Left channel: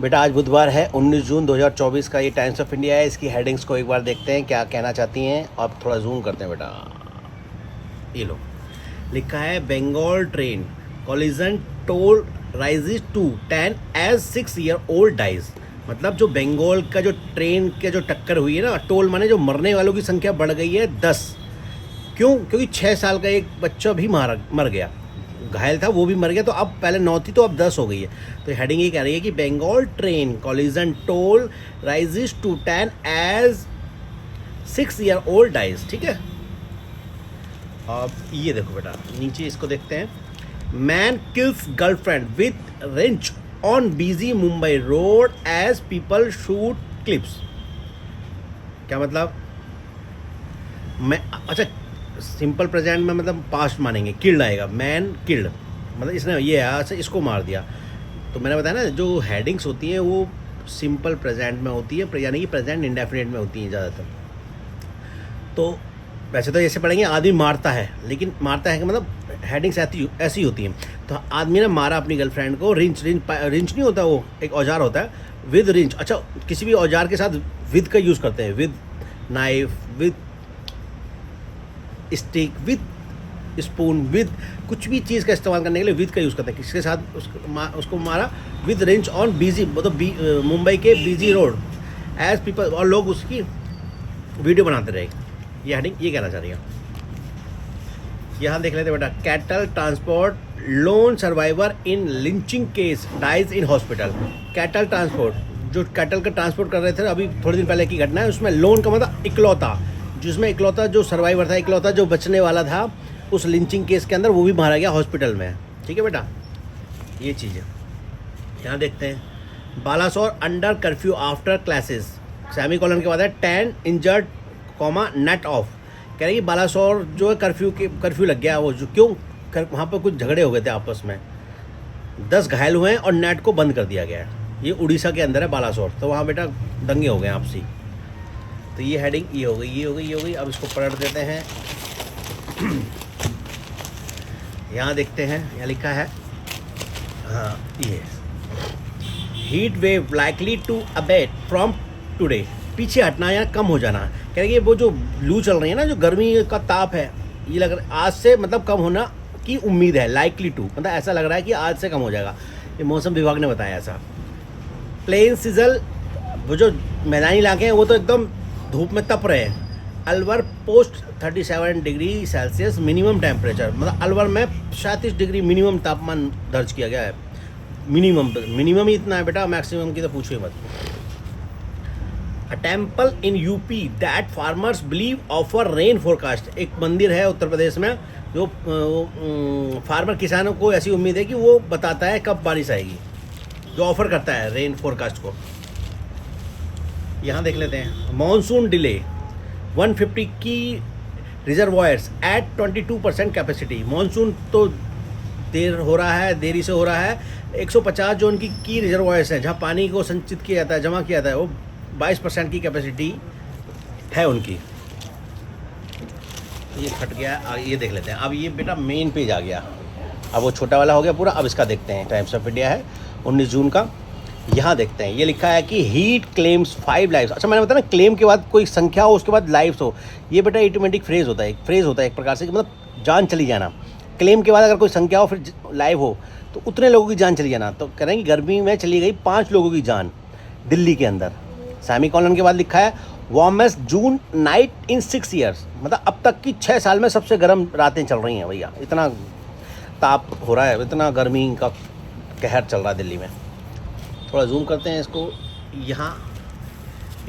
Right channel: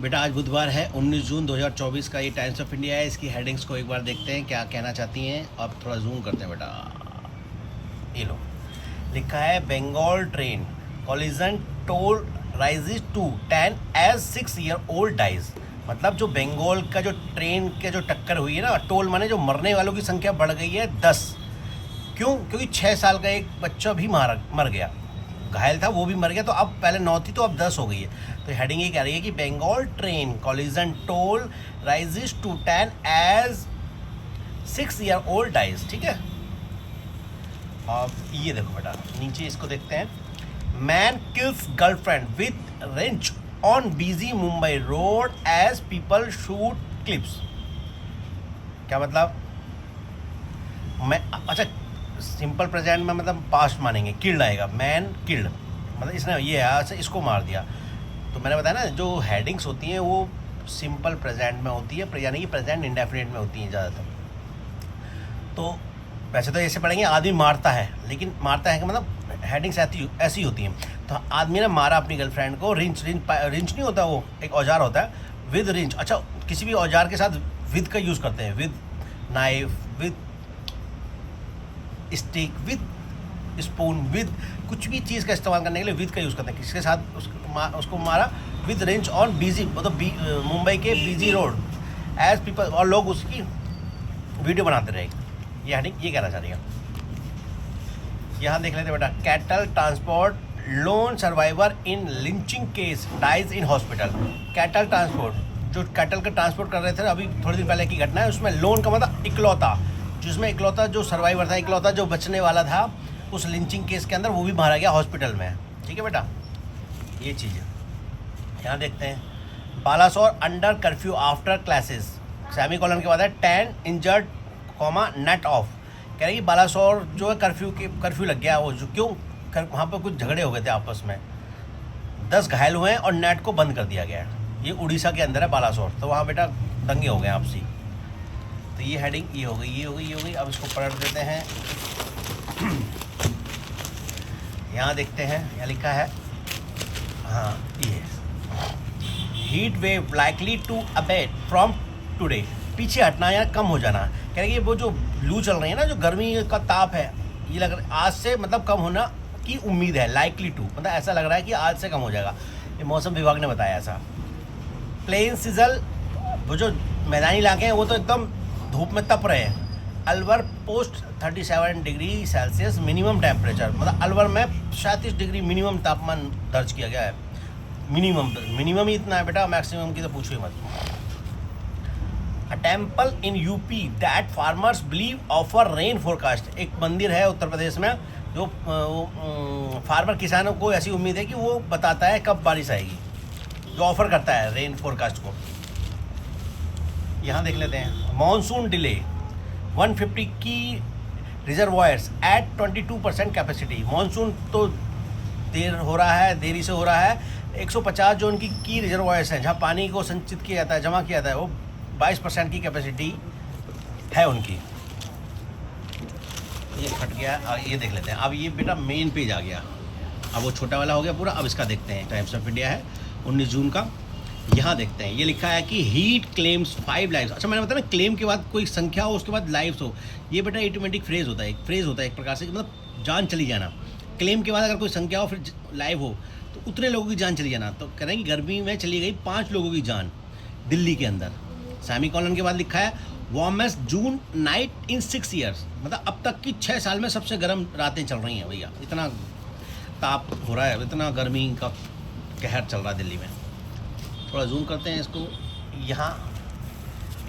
बेटा आज बुधवार है 19 जून 2024 का। ये टाइम्स ऑफ इंडिया है। इसकी हेडिंग्स को एक बार देखते हैं क्या कहना चाहती हैं और थोड़ा जूम करते हैं बेटा। ये लो, लिखा है Bengal train collision toll rises to 10 as 6-year-old dies. मतलब जो बंगाल का जो ट्रेन के जो टक्कर हुई है ना, टोल माने जो मरने वालों की संख्या बढ़ गई है 10। क्यों? क्योंकि 6 साल का एक बच्चा भी मर गया, घायल था, वो भी मर गया। तो अब पहले 9 थी तो अब 10 हो गई है। तो हेडिंग ये कह रही है कि Bengal train collision toll rises to 10 as 6-year-old dies. ठीक है, अब ये देखो बेटा, नीचे इसको देखते हैं। Man kills girlfriend with wrench on busy Mumbai road as people shoot clips. क्या मतलब? मैं अच्छा, सिंपल प्रेजेंट में मतलब पास्ट मानेंगे, किल्ड आएगा, मैन किल्ड, मतलब इसने ये अच्छा इसको मार दिया। तो मैंने बताया ना, जो हेडिंग्स होती हैं वो सिंपल प्रेजेंट में होती है, यानी कि प्रेजेंट इंडेफिनिट में होती हैं ज़्यादातर। तो वैसे तो ऐसे पढ़ेंगे आदमी मारता है, लेकिन मारता है कि मतलब हेडिंग्स ऐसी होती हैं। तो आदमी ने मारा अपनी गर्लफ्रेंड को, रिंच नहीं होता, वो एक औजार होता है, विद रिंच। अच्छा, किसी भी औजार के साथ विद का यूज़ करते हैं, with knife, with stick, with spoon, with कुछ भी चीज़ का इस्तेमाल करने के लिए विद का यूज़ करते हैं। किसके साथ उसको मारा? विद रेंच ऑन बिजी, मतलब मुंबई के बिजी रोड एज पीपल, और लोग उसकी वीडियो बनाते रहे। ये हेडिंग ये कहना चाह रही है। यहाँ देख लेते बेटा, cattle transport lone survivor in lynching case dies in hospital. Cattle transport, जो कैटल का ट्रांसपोर्ट कर रहे थे, अभी थोड़ी दिन पहले की घटना है। उसमें लोन का मतलब इकलौता, जिसमें इकलौता जो सर्वाइवर था, इकलौता जो बचने वाला था उस लिंचिंग केस के अंदर, वो भी मारा गया हॉस्पिटल में। ठीक है बेटा, ये चीज़ है। यहाँ देखते हैं, Balasore under curfew after classes, semicolon के बाद है 10 इंजर्ड नेट ऑफ। कह रहे कि बालासोर जो है कर्फ्यू लग गया, वो जो क्यों वहाँ पर कुछ झगड़े हो गए थे आपस में, 10 घायल हुए हैं और नेट को बंद कर दिया गया है। ये उड़ीसा के अंदर है बालासोर, तो वहाँ बेटा दंगे हो गए आपसी। तो ये हेडिंग ये हो गई। अब इसको पलट देते हैं। यहाँ देखते हैं, यहाँ लिखा है, हाँ ये heat wave likely to abate from today. पीछे हटना या कम हो जाना। कह रहे कि वो जो लू चल रही है ना, जो गर्मी का ताप है, ये लग रहा है आज से मतलब कम होना की उम्मीद है। लाइकली टू मतलब ऐसा लग रहा है कि आज से कम हो जाएगा, ये मौसम विभाग ने बताया ऐसा। प्लेन सिजल, वो जो मैदानी इलाके हैं वो तो एकदम धूप में तप रहे हैं। Alwar post 37 degree Celsius minimum temperature, मतलब अलवर में 37 डिग्री मिनिमम तापमान दर्ज किया गया है। मिनिमम ही इतना है बेटा, मैक्सिमम की तो पूछो ही मत। A temple in UP that farmers believe offer rain forecast. एक मंदिर है उत्तर प्रदेश में जो फार्मर किसानों को ऐसी उम्मीद है कि वो बताता है कब बारिश आएगी, जो ऑफर करता है रेन फोरकास्ट को। यहाँ देख लेते हैं, मॉनसून डिले 150 की रिजर्वायर्स एट 22% कैपेसिटी। मॉनसून तो देरी से हो रहा है। 150 जो उनकी की रिजर्वायर्स हैं, जहाँ पानी को संचित किया जाता है, जमा किया जाता है, वो 22% की कैपेसिटी है उनकी। ये फट गया। और ये देख लेते हैं, अब ये बेटा मेन पेज आ गया, अब वो छोटा वाला हो गया पूरा। अब इसका देखते हैं, टाइम्स ऑफ इंडिया है 19 जून का। यहाँ देखते हैं, ये लिखा है कि हीट क्लेम्स 5 लाइव्स। अच्छा, मैंने बताया ना, क्लेम के बाद कोई संख्या हो, उसके बाद लाइव्स हो। ये बेटा ऑटोमेटिक फ्रेज होता है, एक प्रकार से, मतलब जान चली जाना। क्लेम के बाद अगर कोई संख्या हो फिर लाइव हो तो उतने लोगों की जान चली जाना। तो कह रहे हैं कि गर्मी में चली गई 5 लोगों की जान दिल्ली के अंदर। सेमीकोलन के बाद लिखा है warmest June night in 6 years, मतलब अब तक की 6 साल में सबसे गर्म रातें चल रही हैं भैया। इतना ताप हो रहा है, इतना गर्मी का कहर चल रहा है दिल्ली में। थोड़ा जूम करते हैं इसको। यहाँ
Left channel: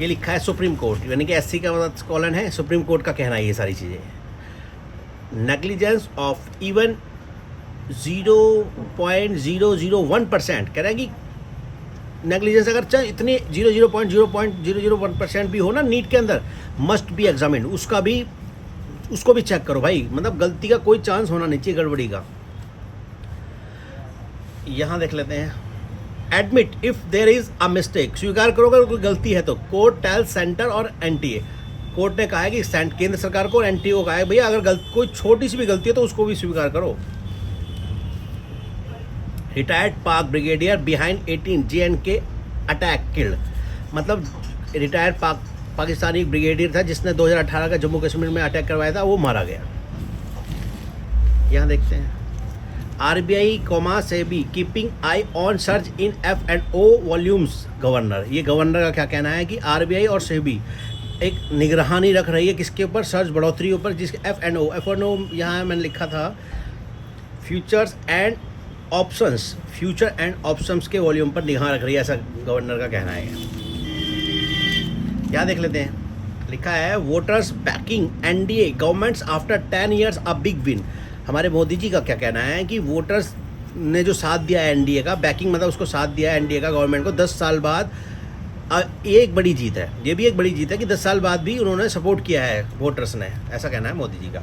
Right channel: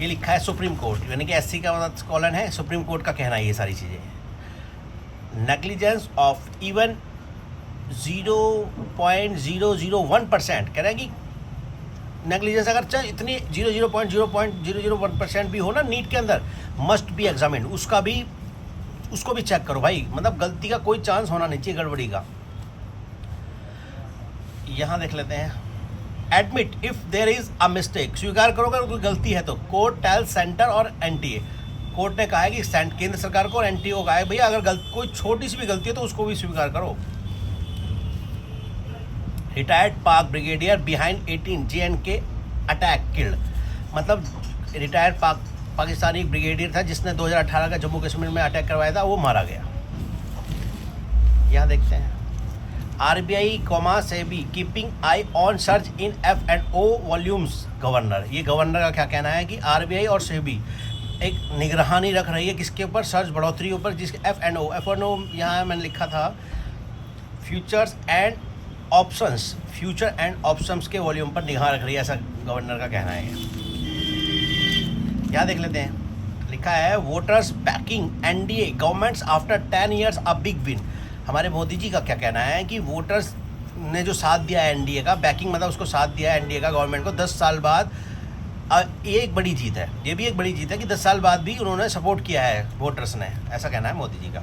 ये लिखा है सुप्रीम कोर्ट, यानी कि SC का मतलब कॉलन है, सुप्रीम कोर्ट का कहना है ये सारी चीज़ें। Negligence of even 0.001%। कह रहा है कि नेग्लिजेंस अगर चाहे इतनी 0.001% भी हो ना नीट के अंदर, मस्ट बी एग्जामिन्ड। उसको भी चेक करो भाई, मतलब गलती का कोई चांस होना नहीं चाहिए, गड़बड़ी का। यहाँ देख लेते हैं, admit if there is a mistake. स्वीकार करो अगर कोई गलती है तो। कोर्ट टेल सेंटर और NTA। कोर्ट ने कहा है कि केंद्र सरकार को और NTA को कहा है भैया अगर कोई छोटी सी भी गलती है तो उसको भी स्वीकार करो। रिटायर्ड पाक brigadier behind 18 J&K attack killed, मतलब रिटायर्ड पाकिस्तानी ब्रिगेडियर था जिसने 2018 का जम्मू कश्मीर में अटैक करवाया था, वो मारा गया। यहाँ देखते हैं RBI comma SEBI keeping I on search in F&O volumes. Governor, ये गवर्नर का क्या कहना है कि आरबीआई और सेबी एक निगरानी रख रही है किसके ऊपर, सर्च बढ़ोतरी ऊपर, जिसके F&O यहाँ मैंने लिखा था फ्यूचर एंड ऑप्शंस के वॉल्यूम पर निगाह रख रही है, ऐसा गवर्नर का कहना है। क्या देख लेते हैं, लिखा है voters banking NDA governments after 10 years a big win. हमारे मोदी जी का क्या कहना है कि वोटर्स ने जो साथ दिया है एनडीए का, बैकिंग मतलब उसको साथ दिया है एनडीए का गवर्नमेंट को 10 साल बाद, ये एक बड़ी जीत है, ये भी एक बड़ी जीत है कि 10 साल बाद भी उन्होंने सपोर्ट किया है वोटर्स ने, ऐसा कहना है मोदी जी का।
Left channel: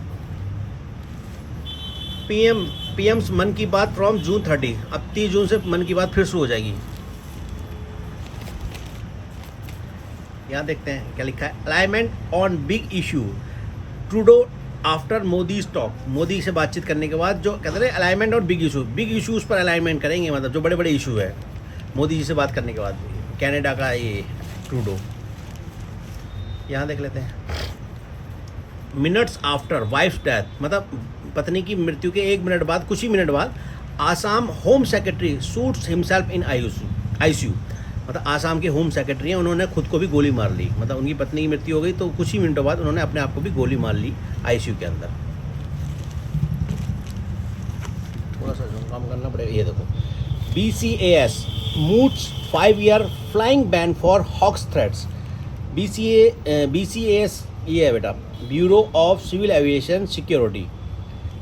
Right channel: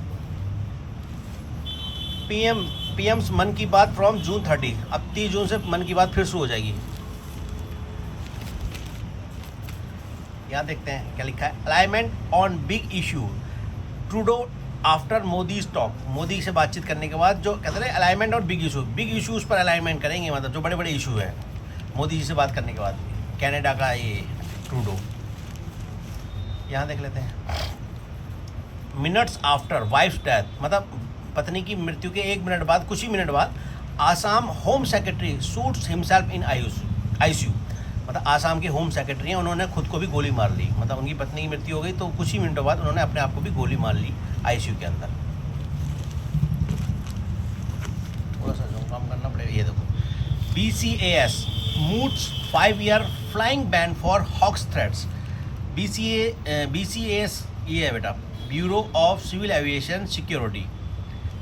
पीएम्स मन की बात फ्रॉम जून 30, अब 30 जून से मन की बात फिर शुरू हो जाएगी। यहाँ देखते हैं क्या लिखा है, alignment on big issue Trudeau after Modi talk. Modi से बातचीत करने के बाद जो कहते हैं अलाइनमेंट और बिग इशूज़ पर अलाइनमेंट करेंगे, मतलब जो बड़े बड़े इशू है मोदी जी से बात करने के बाद। कनाडा का ये ट्रूडो, यहाँ देख लेते हैं मिनट्स आफ्टर वाइफ्स डेथ, मतलब पत्नी की मृत्यु के 1 मिनट बाद, कुछ ही मिनट बाद Assam home secretary shoots himself in ICU, मतलब आसाम के होम सेक्रेटरी हैं, उन्होंने खुद को भी गोली मार ली, मतलब उनकी पत्नी की मृत्यु हो गई तो कुछ ही मिनटों बाद उन्होंने अपने आप को भी गोली मार ली आईसीयू के अंदर। थोड़ा सा काम करना पड़ेगा। ये देखो BCAS moots 5-year flying ban for hoax threats. BCAS ये है बेटा, bureau of civil aviation security.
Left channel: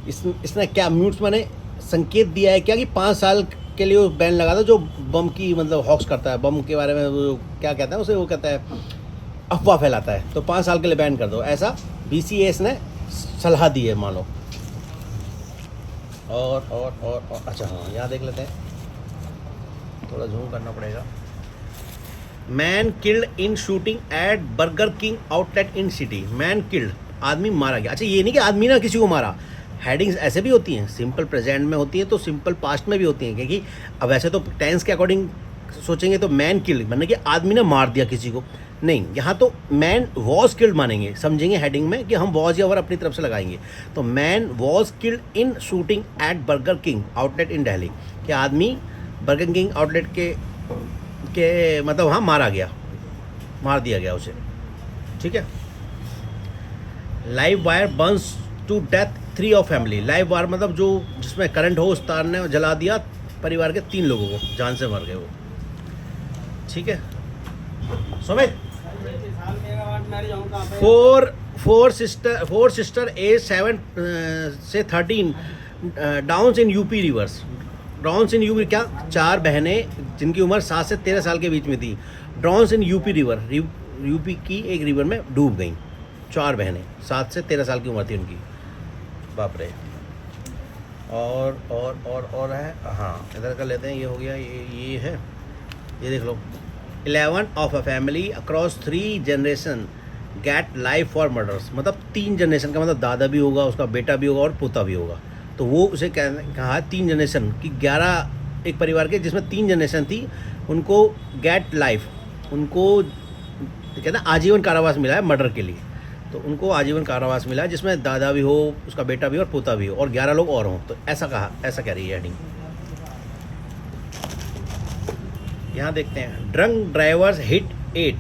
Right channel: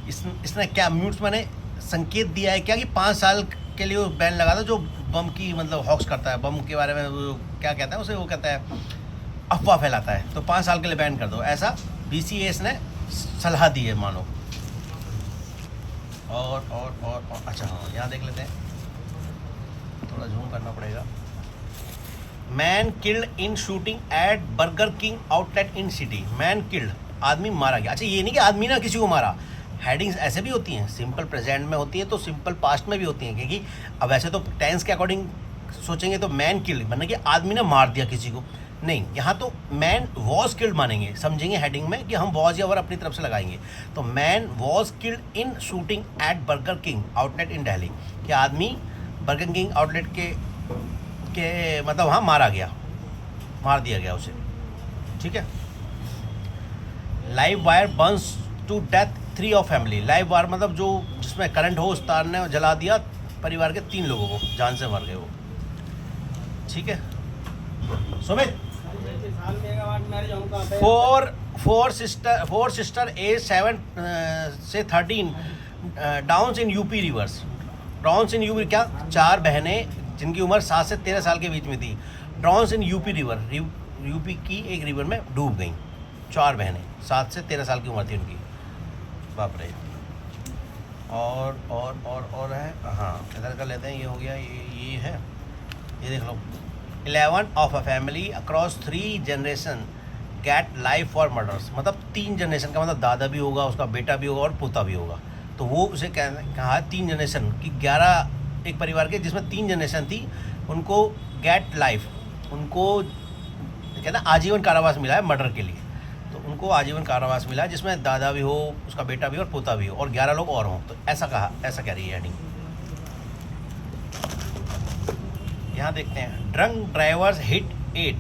इसने क्या म्यूट्स माने संकेत दिया है क्या कि 5 साल के लिए वो बैन लगा था जो बम की मतलब हॉक्स करता है, बम के बारे में वो क्या कहता है उसे, वो कहता है अफवाह फैलाता है, तो 5 साल के लिए बैन कर दो, ऐसा BCAS ने सलाह दी है मानो। और अच्छा हाँ, यहाँ देख लेते हैं, थोड़ा जूम करना पड़ेगा। Man killed in shooting at Burger King outlet in city. Man killed, आदमी मारा गया। अच्छा ये नहीं कि आदमी ना किसी को मारा, हेडिंग्स ऐसे भी होती हैं, सिंपल प्रेजेंट में होती है तो सिंपल पास्ट में भी होती हैं, क्योंकि अब वैसे तो टेंस के अकॉर्डिंग सोचेंगे तो मैन किल्ड मतलब कि आदमी ने मार दिया किसी को, नहीं, यहाँ तो मैन वॉज किल्ड मानेंगे, समझेंगे हेडिंग में कि हम वॉज या वर अपनी तरफ से लगाएंगे, तो man was killed in shooting at Burger King outlet in Delhi, कि आदमी बर्गर किंग आउटलेट के मतलब वहाँ मारा गया, मार दिया गया उसे, ठीक है। Live wire burns to death 3 of family. Live wire मतलब जो जिसमें करंट हो, उस तार ने जला दिया परिवार के 3 लोगों को, जान से मर गए वो, ठीक है। सुमित फोर सिस्टर एज 7 से 13 drowns in UP rivers. Drowns in UP क्या, 4 बहनें जिनकी उम्र 7 से 13 साल के बीच में थी, ड्राउन्स इन यूपी रिवर, यूपी की एक रिवर में डूब गई 4 बहनें, 7 से 13 साल की उम्र थी उनकी, बाप रे। और है, हाँ इधर कर लेते हैं, ये हो गया, ये है, ये देख लो। 11 of a family across 3 generation get life for murders, मतलब 3 जनरेशन का मतलब दादा भी होगा, उसका बेटा भी होगा और पोता भी होगा, तो वो उसे कहा 3 जनरेशन की 11 एक परिवार के जिसमें 3 जनरेशन थी, उनको गेट लाइफ, उनको कहते हैं आजीवन कारावास मिला है मर्डर के लिए, तो उनको आजीवन कारावास मिला है जिसमें दादा भी हो, उसका बेटा भी और पोता भी हो और 11 लोग और हों, तो ऐसा कहा, ऐसा कह रही है हेडिंग। यहाँ देखते हैं drunk drivers hit 8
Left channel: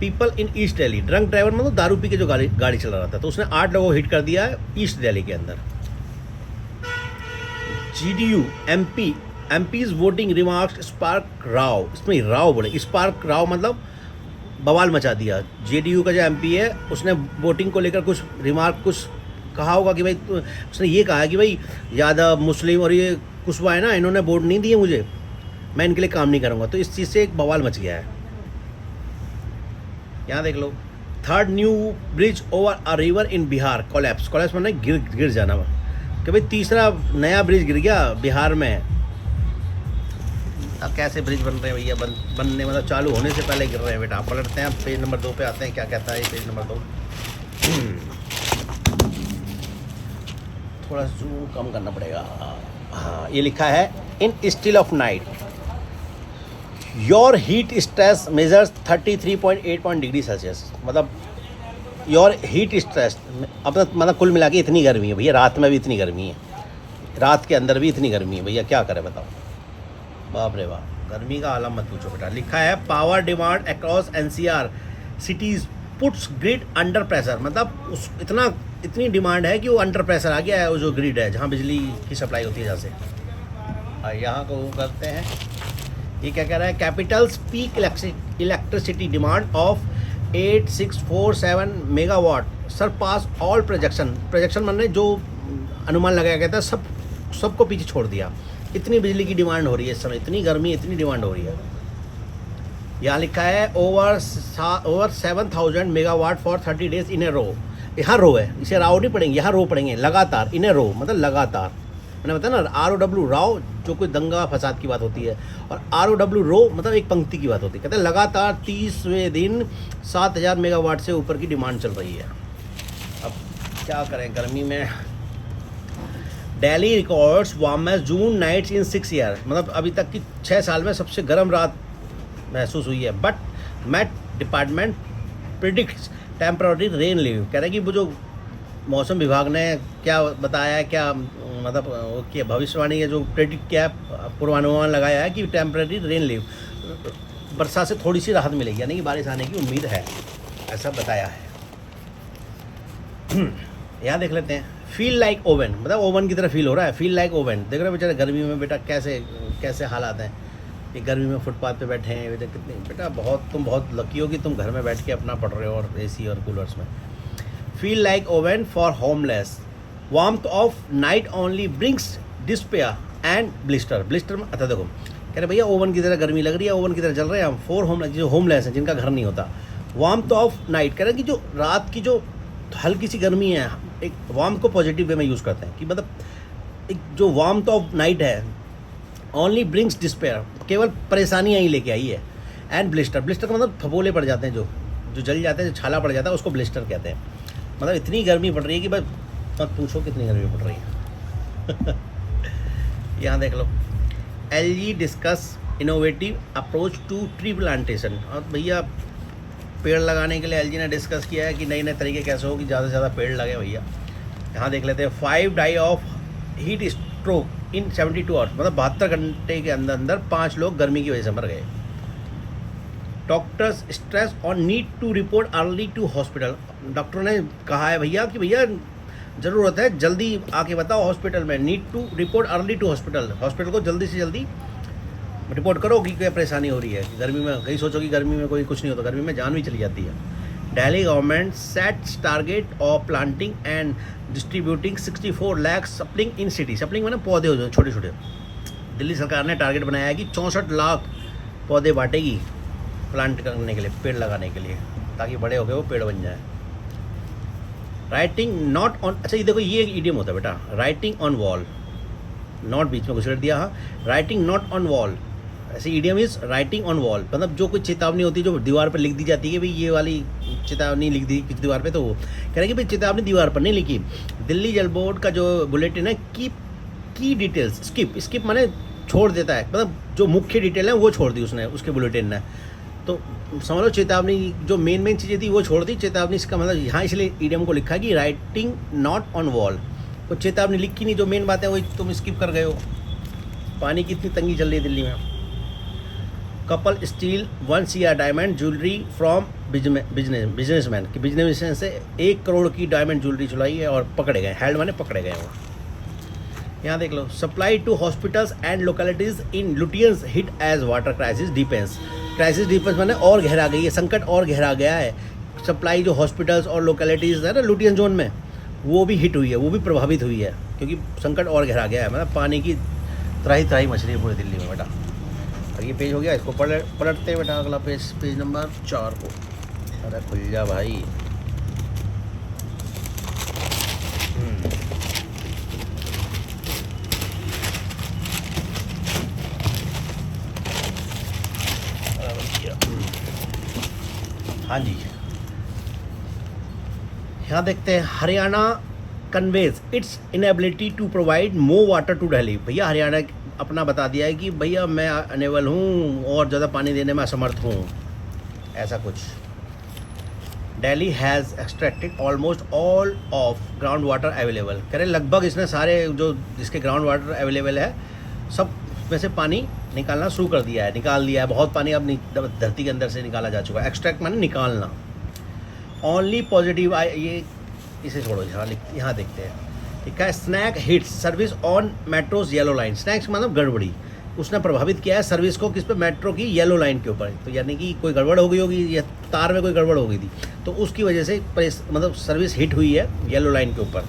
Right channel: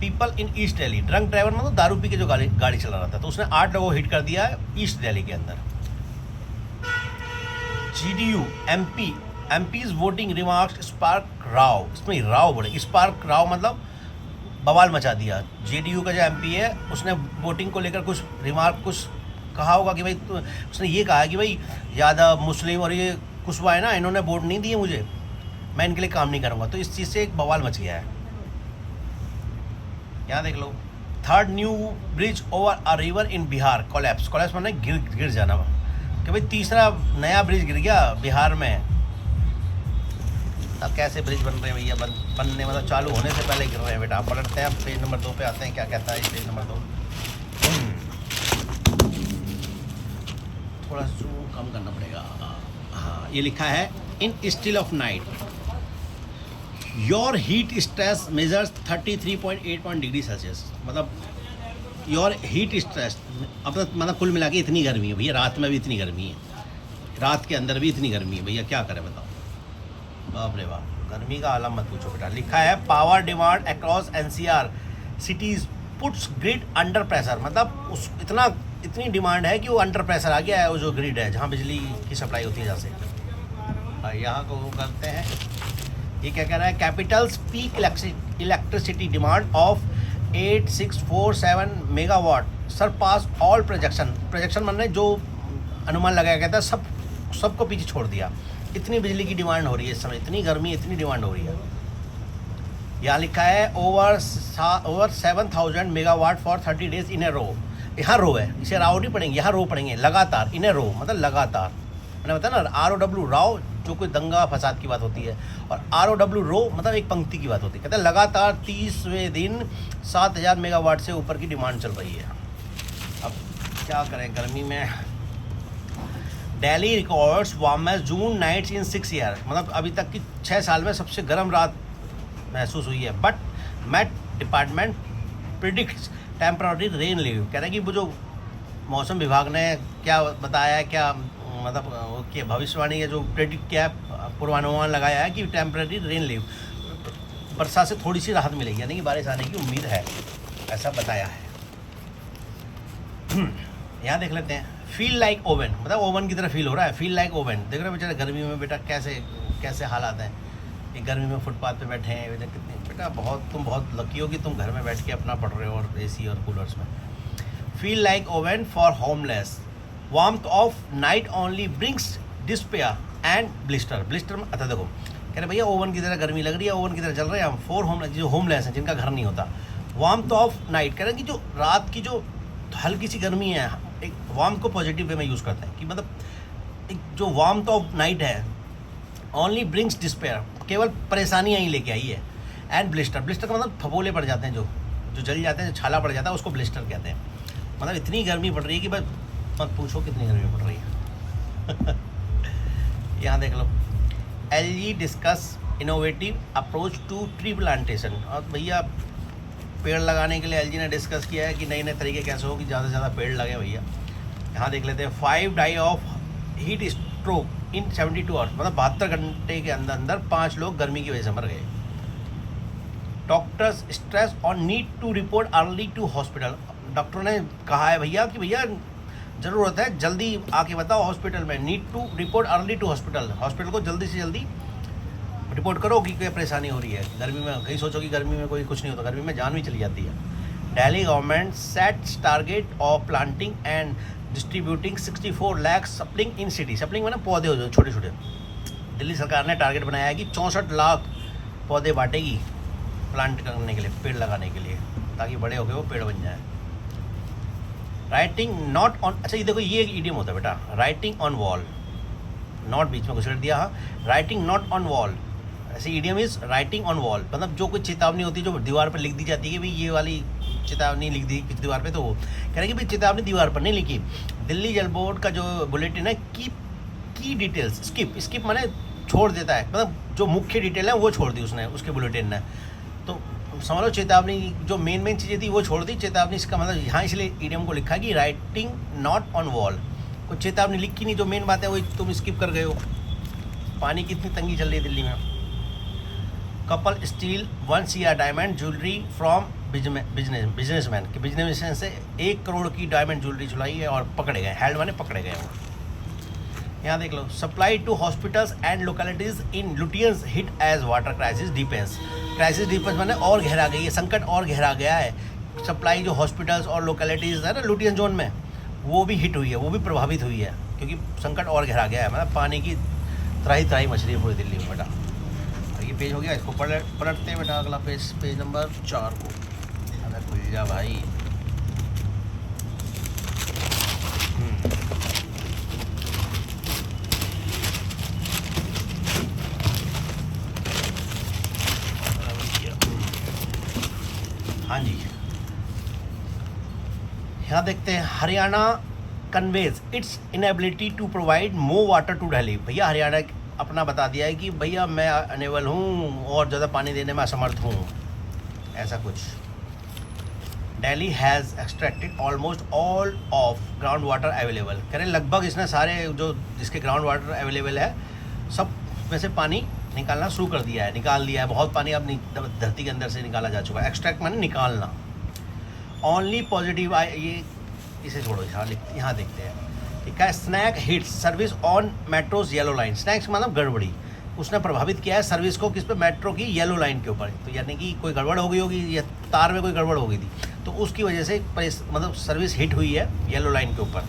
people in east Delhi. Drunk driver मतलब दारू पी के जो गाड़ी चला रहा था, तो उसने 8 लोगों को हिट कर दिया है ईस्ट दिल्ली के अंदर। GDU MP's voting remarks spark Rao, इसमें राव बोले, स्पार्क राव मतलब बवाल मचा दिया। JDU का जो MP है उसने वोटिंग को लेकर कुछ रिमार्क कुछ कहा होगा कि भाई, उसने ये कहा कि भाई यादव मुस्लिम और ये कुशवा है ना, इन्होंने वोट नहीं दिए मुझे, मैं इनके लिए काम नहीं करूँगा, तो इस चीज़ से एक बवाल मच गया है। यहाँ देख लो, 3rd new bridge over a river in Bihar collapse. Collapse मतलब गिर जाना, कि भाई 3रा नया ब्रिज गिर गया बिहार में। अब कैसे ब्रिज बन रहे हैं भैया, बनने मतलब चालू होने से पहले गिर रहे हैं बेटा। आप पलटते हैं, अब पेज नंबर 2 पे आते हैं, क्या कहता है ये पेज नंबर 2। थोड़ा जूम कम करना पड़ेगा। हाँ, ये लिखा है in still of night, your heat stress measures 33.8 degree Celsius, मतलब योर हीट स्ट्रेस मतलब कुल मिला के इतनी गर्मी है भैया, रात में भी इतनी गर्मी है, रात के अंदर भी इतनी गर्मी है भैया, क्या करें बताओ। बाप रे बाप, गर्मी का आलम मत पूछो बेटा। लिखा है power demand across NCR cities puts grid under pressure, मतलब उस इतनी डिमांड है कि वो अंडर प्रेशर आ गया है, वो जो ग्रिड है जहाँ बिजली की सप्लाई होती है जहाँ से। यहाँ को करते हैं, ये क्या कह रहा है, capital's peak electricity demand of 8647 megawatt surpass all projection मैंने जो अनुमान लगाया गया था सबको पीछे छोड़ दिया। इतनी बिजली की डिमांड हो रही है इस समय, इतनी गर्मी, इतनी डिमांड हो रही है। यहाँ लिखा है over 7000 megawatt for 30 days in a row. यहाँ रो है, इसे राव नहीं पढ़ेंगे, यहाँ रो पढ़ेंगे, लगातार। इन ए रो मतलब लगातार, मैंने बताया ना, ROW राव जो कोई दंगा फसाद की बात होती है, और ROW रो मतलब एक पंक्ति की बात होती है। कहते हैं लगातार 30वें दिन 7000 मेगावाट से ऊपर की डिमांड चल रही है। अब क्या करें गर्मी में। Delhi records warmest June nights in 6 year, मतलब अभी तक की 6 साल में सबसे गर्म रात महसूस हुई है। But Met department predicts temporary rain leave, कह रहे हैं कि वो जो मौसम विभाग ने क्या बताया है, क्या मतलब क्या भविष्यवाणी है, जो प्रेडिक्ट किया पूर्वानुमान लगाया है कि टेम्पररी रेन लीव, बरसात से थोड़ी सी राहत मिलेगी, यानी कि बारिश आने की उम्मीद है, ऐसा बताया है। यहाँ देख लेते हैं, फील लाइक ओवन, मतलब ओवन की तरह फील हो रहा है, फील लाइक ओवन। देख रहे हो बेचारे गर्मी में बेटा कैसे हालात हैं, ये गर्मी में फुटपाथ पे बैठे हैं बेटा, कितने बेटा तुम बहुत लकी हो कि तुम घर में बैठ के अपना पढ़ रहे हो और AC और कूलर्स में। Feel like oven for homeless, warmth of night only brings despair and blister में। अच्छा देखो, कह रहे भैया ओवन की तरह गर्मी लग रही है, ओवन की तरह चल रहे हैं हम, फॉर होमलेस हैं, जिनका घर नहीं होता। वार्मथ ऑफ नाइट, कह रहे हैं कि जो रात की जो हल्की सी गर्मी है, एक वार्म को पॉजिटिव वे में यूज़ करते हैं कि मतलब एक जो वार्मथ ऑफ नाइट है ओनली ब्रिंग्स डिस्पेयर, केवल परेशानियाँ ही लेके आई है। एंड ब्लिस्टर का मतलब फफोले पड़ जाते हैं, जो जल जाते हैं, जो छाला पड़ जाता है, उसको ब्लिस्टर कहते हैं। मतलब इतनी गर्मी पड़ रही है कि बस मत पूछो कितनी गर्मी पड़ रही है। यहाँ देख लो, LG discuss innovative approach to tree plantation, और भैया पेड़ लगाने के लिए LG ने डिस्कस किया है कि नए नए तरीके कैसे हो कि ज़्यादा से ज़्यादा पेड़ लगे भैया। यहाँ देख लेते हैं, 5 die of heat stroke in 72 hours, मतलब 72 घंटे के अंदर 5 लोग गर्मी की वजह से मर गए। Doctors stress on need to report early to hospital, doctor ने कहा है भैया कि भैया ज़रूरत है जल्दी आके बताओ हॉस्पिटल में, need to report early to hospital को जल्दी से जल्दी रिपोर्ट करो कि क्या परेशानी हो रही है गर्मी में। कहीं सोचो कि गर्मी में कोई कुछ नहीं होता, गर्मी में जान भी चली जाती है। Delhi government sets target of planting and distributing 64 lakh sapling in city, sapling मैंने पौधे हो छोटे छोटे। दिल्ली सरकार ने टारगेट बनाया है कि 64 लाख पौधे बांटेगी प्लांट करने के लिए, पेड़ लगाने के लिए, ताकि बड़े होकर वो पेड़ बन जाए। राइटिंग नॉट ऑन, अच्छा ये देखो, ये एक इडियम होता है बेटा, राइटिंग ऑन वॉल, नॉट बीच में घुसेड़ दिया, हाँ, राइटिंग नॉट ऑन वॉल, ऐसे idiom is writing on wall, मतलब जो कोई चेतावनी होती है जो दीवार पर लिख दी जाती है कि भाई ये वाली चेतावनी लिख दी किस दीवार पे, तो वो कह रहे हैं कि भाई चेतावनी दीवार पर नहीं लिखी। दिल्ली जल बोर्ड का जो बुलेटिन है की डिटेल्स स्किप माने छोड़ देता है, मतलब जो मुख्य डिटेल है वो छोड़ दी उसने, उसके बुलेटिन ने, तो समझ लो चेतावनी जो मेन चीज़ें थी वो छोड़ दी। चेतावनी इसका मतलब यहाँ इसलिए ईडियम को लिखा कि राइटिंग नॉट ऑन वॉल, कोई चेतावनी लिखी नहीं, जो मेन बात है वही तुम स्किप कर गए हो। पानी की इतनी तंगी चल रही है दिल्ली में। Couple steel 1 CR diamond jewellery from businessman, कि बिजनेसमैन से 1 करोड़ की डायमंड ज्वेलरी चुराई है और पकड़े गए, हैंड मैंने पकड़े गए वो। यहाँ देख लो, supply to hospitals and localities in Lutyens hit as water crisis deepens मैंने और गहरा गई है, संकट और गहरा गया है। सप्लाई जो हॉस्पिटल्स और लोकेलिटीज़ है ना लुटियन जोन में, वो भी हिट हुई है, वो भी प्रभावित हुई है, क्योंकि संकट और गहरा गया है, मतलब पानी की त्राही मछली है पूरी दिल्ली में बेटा। और ये पेज हो गया, इसको पलटते हैं बेटा, अगला पेज नंबर 4 को। अरे खुल जा भाई, हाँ जी, यहाँ देखते हैं, Haryana conveys its inability to provide more water to Delhi. भैया हरियाणा अपना बता दिया है कि भैया मैं अनेबल हूँ और ज़्यादा पानी देने में असमर्थ हूँ, ऐसा कुछ। Delhi has extracted almost all of ground water available, कह रहे लगभग इसने सारे जो इसके ग्राउंड वाटर अवेलेबल है सब में से पानी निकालना शुरू कर दिया है, निकाल दिया है। बहुत पानी अब धरती के अंदर से निकाला जा चुका है। एक्सट्रैक्ट माने निकालना। ओनली पॉजिटिव ये इसे छोड़ो, यहाँ देखते हैं। ठीक है, snag hits service on metro's yellow line. Snags मतलब गड़बड़ी, उसने प्रभावित किया है सर्विस को किस पे, मेट्रो की येलो लाइन के ऊपर। तो यानी कि कोई गड़बड़ हो गई होगी या तार में कोई गड़बड़ हो गई थी, तो उसकी वजह से मतलब सर्विस हिट हुई है येलो लाइन के ऊपर।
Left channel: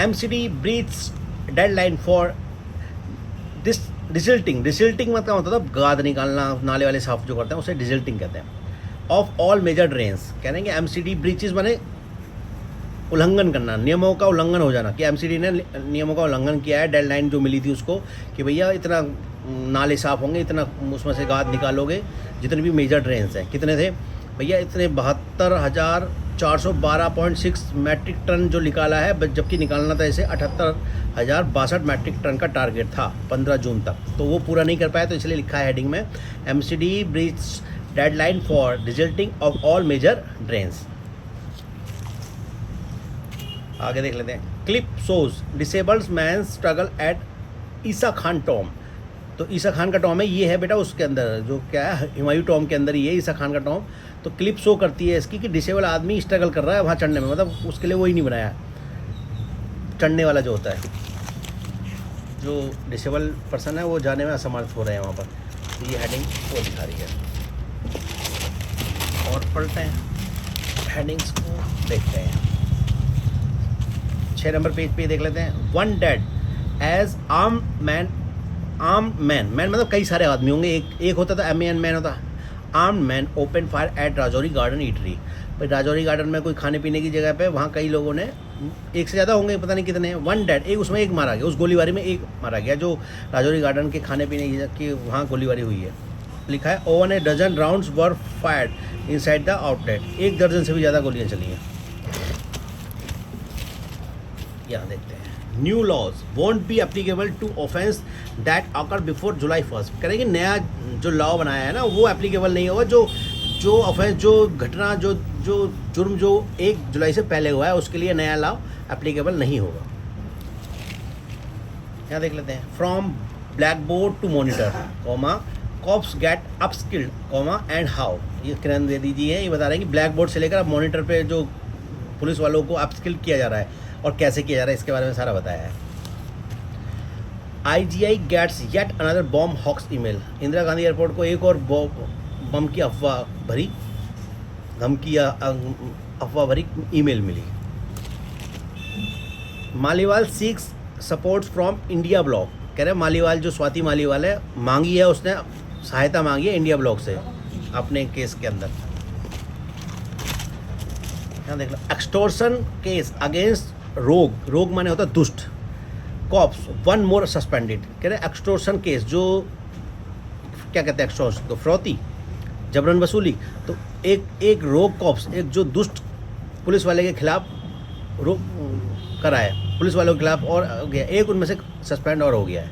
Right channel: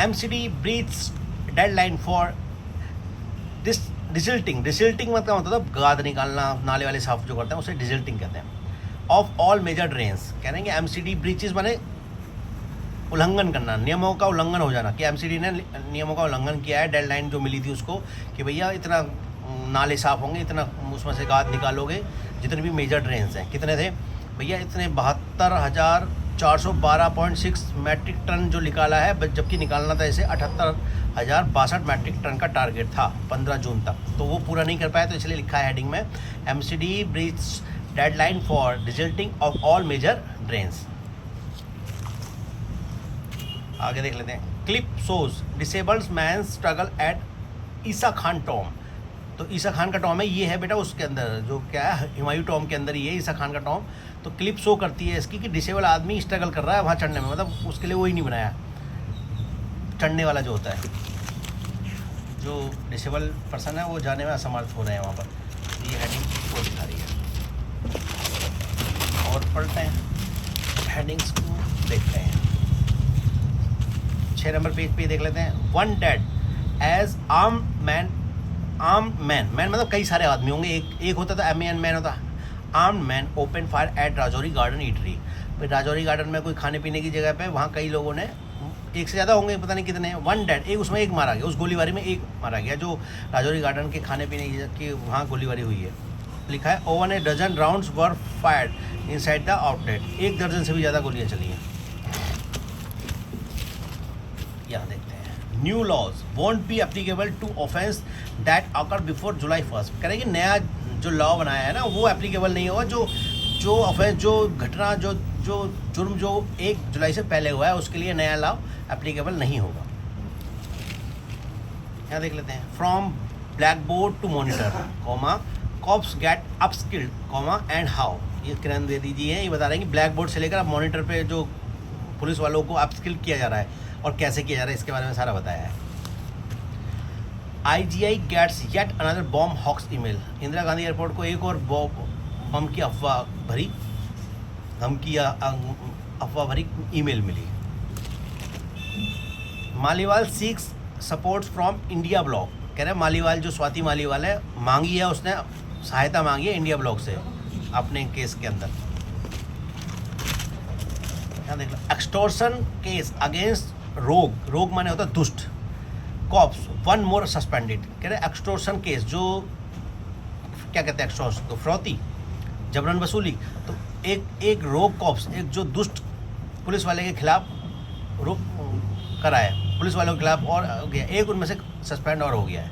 MCD breaches deadline for desilting. Desilting मतलब होता था गाद निकालना, नाले वाले साफ जो करते हैं उसे डिसिल्टिंग कहते हैं। ऑफ ऑल मेजर ड्रेन्स, कह रहे हैं कि MCD ब्रीचेज माने उल्लंघन करना, नियमों का उल्लंघन हो जाना, कि MCD ने नियमों का उल्लंघन किया है। डेडलाइन जो मिली थी उसको कि भैया इतना नाले साफ़ होंगे, इतना उसमें से गाद निकालोगे, जितने भी मेजर ड्रेन्स हैं। कितने थे भैया, इतने 72,412.6 मैट्रिक टन जो निकाला है, जबकि निकालना था इसे 78,062 मैट्रिक टन का टारगेट था 15 जून तक, तो वो पूरा नहीं कर पाया। तो इसलिए लिखा है हेडिंग में MCD breach deadline for desilting of all major drains. आगे देख लेते हैं। Clip shows disabled man struggle at Isa Khan tomb. तो ईसा खान का टॉम है, ये है बेटा उसके अंदर जो क्या है, हुमायूं टॉम के अंदर ही है ईसा खान का टॉम। तो क्लिप शो करती है इसकी कि डिसेबल आदमी स्ट्रगल कर रहा है वहाँ चढ़ने में, मतलब उसके लिए वही नहीं बनाया, चढ़ने वाला जो होता है, जो डिसेबल पर्सन है वो जाने में असमर्थ हो रहे हैं वहाँ पर। ये हेडिंग वो दिखा रही है। और पढ़ते हैं हेडिंग्स को, देखते हैं। 6 नंबर पेज पे देख लेते हैं। One dead as armed man मतलब कई सारे आदमी होंगे, एक होता था MAN मैन होता। Armed man open fire at Rajouri Garden eatery. भाई राजौरी गार्डन में कोई खाने पीने की जगह पे वहाँ कई लोगों ने, एक से ज़्यादा होंगे पता नहीं कितने, वन डेड, एक उसमें एक मारा गया, उस गोलीबारी में एक मारा गया जो राजौरी गार्डन के खाने पीने की वहाँ गोलीबारी हुई है। लिखा है over a dozen rounds were fired inside the outlet. 1 दर्जन से भी ज़्यादा गोलियाँ चली हैं। यहाँ देखते हैं। New laws won't be applicable to offence that occur before July 1। करेंगे नया जो लॉ बनाया है ना वो एप्लीकेबल नहीं होगा, जो ऑफेंस, जो घटना, जो जुर्म जो 1 जुलाई से पहले हुआ है उसके लिए नया लॉ एप्लीकेबल नहीं होगा। यहाँ देख लेते हैं। From blackboard to monitor comma cops get upskilled comma and how. ये किरण दे दीजिए, ये बता रहे हैं कि ब्लैक बोर्ड से लेकर अब मॉनिटर पे जो पुलिस वालों को अपस्किल किया जा रहा है और कैसे किया जा रहा है इसके बारे में सारा बताया है। IGI gets yet another bomb hoax email. Indira Gandhi airport को एक और बम की अफवाह भरी ईमेल मिली। Maliwal seeks support from India bloc. कह रहे हैं मालीवाल जो स्वाति मालीवाल है, मांगी है उसने, सहायता मांगी है इंडिया ब्लॉक से अपने केस के अंदर। यहाँ देख लो। एक्सटोर्शन केस अगेंस्ट रोग माने होता है दुष्ट, कॉप्स 1 मोर सस्पेंडेड। कह रहे एक्सटोर्शन केस, जो क्या कहते हैं एक्सटोर्शन, तो फ्रौती, जबरन वसूली। तो एक रोग कॉप्स, एक जो दुष्ट पुलिस वाले के खिलाफ रोक करा है, पुलिस वालों के खिलाफ और हो गया, एक उनमें से सस्पेंड और हो गया है।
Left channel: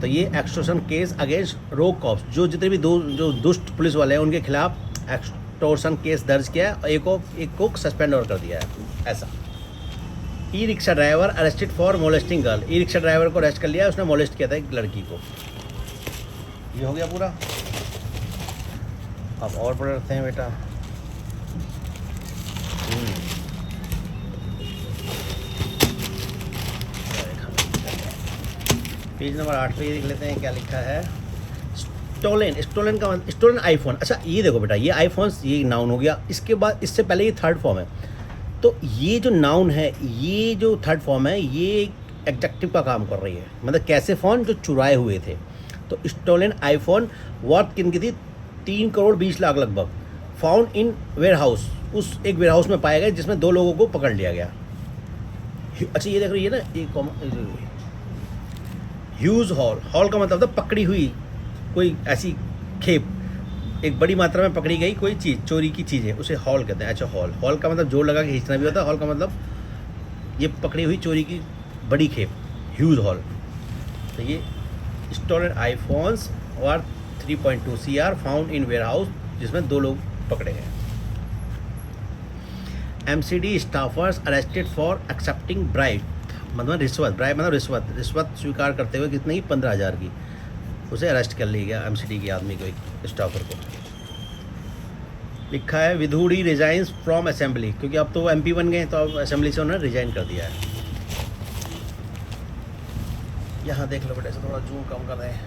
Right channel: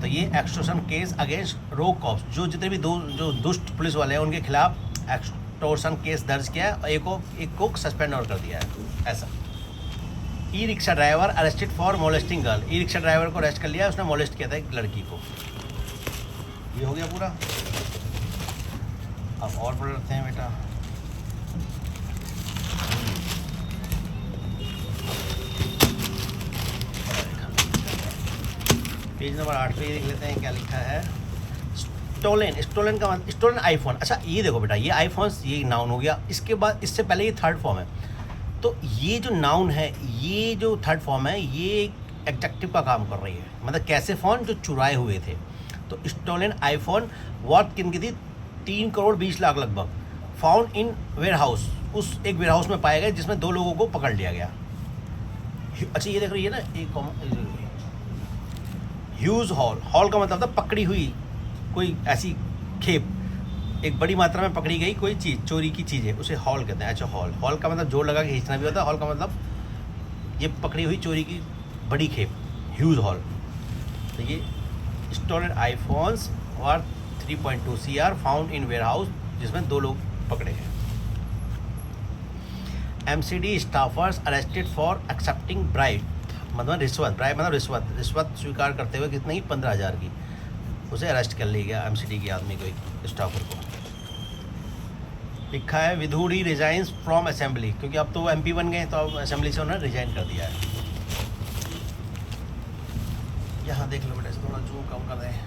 तो ये एक्सटोर्शन केस अगेंस्ट रोग कॉप्स, जो जितने भी जो दुष्ट पुलिस वाले हैं उनके खिलाफ एक्सटोर्शन केस दर्ज किया है और एक को सस्पेंड और कर दिया है। ऐसा। E rickshaw driver arrested for molesting girl. E rickshaw driver को अरेस्ट कर लिया, उसने मोलेस्ट किया था एक लड़की को। ये हो गया पूरा। अब और पढ़ते हैं बेटा। पेज नंबर 8 पे देख लेते हैं क्या लिखा है। स्टोलन का मतलब स्टोलन आईफोन। अच्छा ये देखो बेटा, ये आईफोन्स ये नाउन हो गया, इसके बाद इससे पहले ये थर्ड फॉर्म है। तो ये जो नाउन है, ये जो थर्ड फॉर्म है, ये एडजेक्टिव का काम कर रही है, मतलब कैसे फ़ोन जो चुराए हुए थे। तो स्टोलन आईफोन वर्थ किन की थी 3 करोड़ 20 लाख लगभग। फाउंड इन वेयर हाउस, उस एक वेयर हाउस में पाया गया जिसमें 2 लोगों को पकड़ लिया गया। अच्छा ये देख रही है ना, एक ह्यूज हॉल का मतलब था पकड़ी हुई कोई ऐसी खेप, एक बड़ी मात्रा में पकड़ी गई कोई चीज़, चोरी की चीज़ है, उसे हॉल कहते हैं। अच्छा हॉल का मतलब जोर लगा के खींचना भी होता है, हॉल का मतलब ये पकड़ी हुई चोरी की बड़ी खेप, ह्यूज हॉल। तो ये स्टोलन आईफोन्स और 3.2 CR found in warehouse, जिसमें 2 लोग पकड़े गए। MCD staffers arrested for accepting bribe, मतलब रिश्वत, ब्राइब मतलब रिश्वत स्वीकार करते हुए कितने की 15,000 की, उसे अरेस्ट कर लिया गया MCD के आदमी को, एक स्टाफर को। लिखा है विधूड़ी रिजाइंस फ्रॉम असेंबली, क्योंकि अब तो वो MP बन गए तो अब असेंबली से उन्होंने रिजाइन कर दिया है। यहाँ देख लो बेटा, थोड़ा जूम कम कर रहे हैं।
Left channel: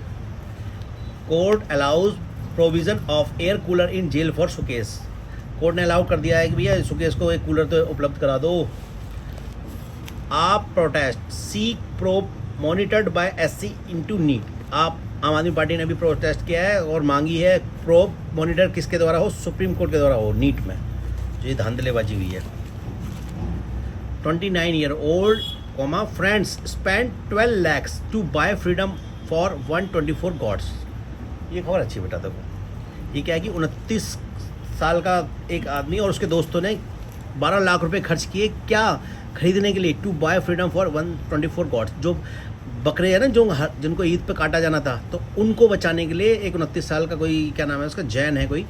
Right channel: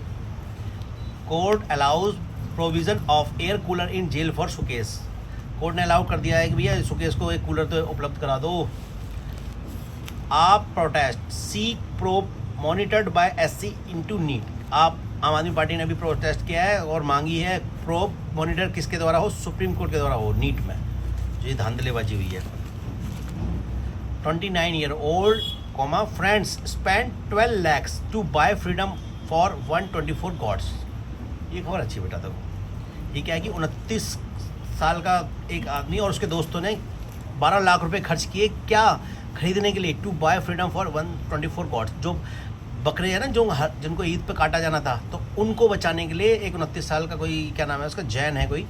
Court allows provision of air cooler in jail for Sukesh, court ने अलाउ कर दिया है कि भैया सुकेश को एक कूलर तो उपलब्ध करा दो। AAP protest seek probe monitored by SC into NEET, AAP Aam आदमी पार्टी ने भी प्रोटेस्ट किया है और मांगी है प्रोब मॉनिटर किसके द्वारा हो, सुप्रीम कोर्ट के द्वारा हो, नीट में जो ये धांधलेबाजी हुई है। 29-year-old friends spend 12 lakhs to buy freedom for 124 goats, ये खबर अच्छी बेटा। देखो ये क्या है कि 29 साल का एक आदमी और उसके दोस्तों ने 12 लाख रुपए खर्च किए, क्या खरीदने के लिए, to buy freedom for 124 goats, जो बकरे हैं ना जो जिनको ईद पे काटा जाना था, तो उनको बचाने के लिए एक 29 साल का कोई, क्या नाम है उसका, जैन है कोई,